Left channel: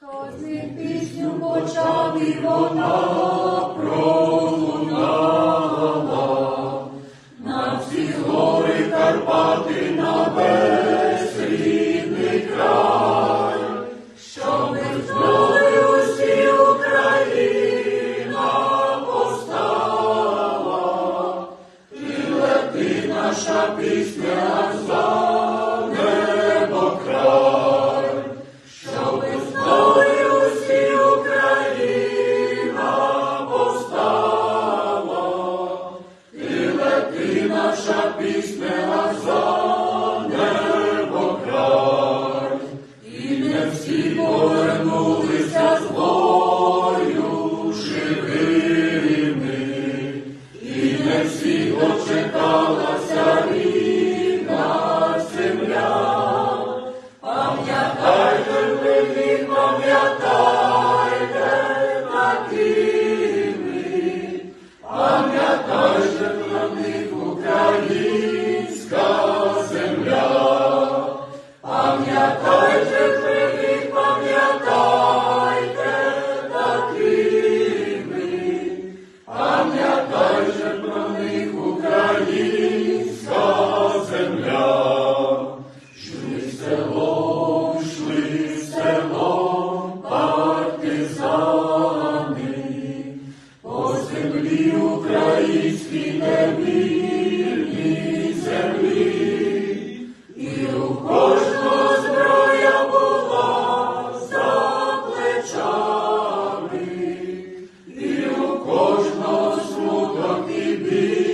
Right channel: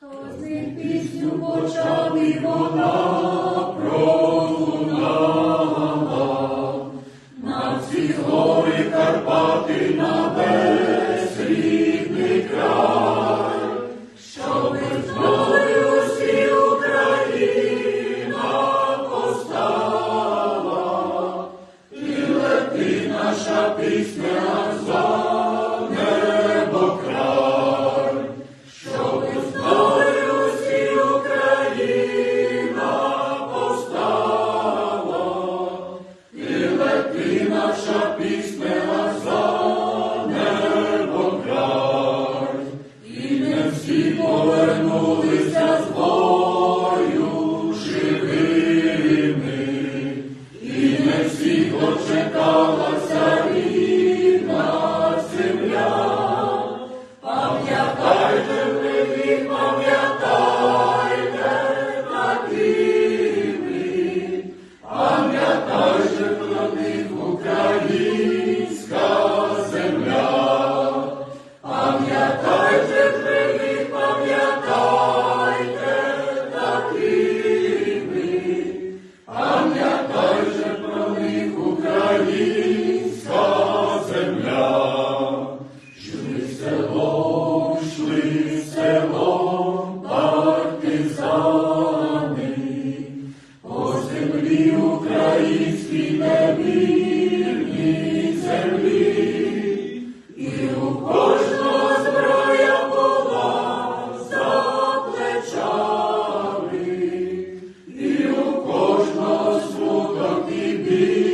Хто з пісню почав і вона пролунала, на всі гори Карпати на весь рідний край, щоб знали усі постала, і лети наша пісня. повернулися з бою живими, і не всі дочекалася. українська земля, Шли в село, шли село, партизани, по землі українській невільній землі, і у кожного зброя була за плечами, і у кожного смуток і біль.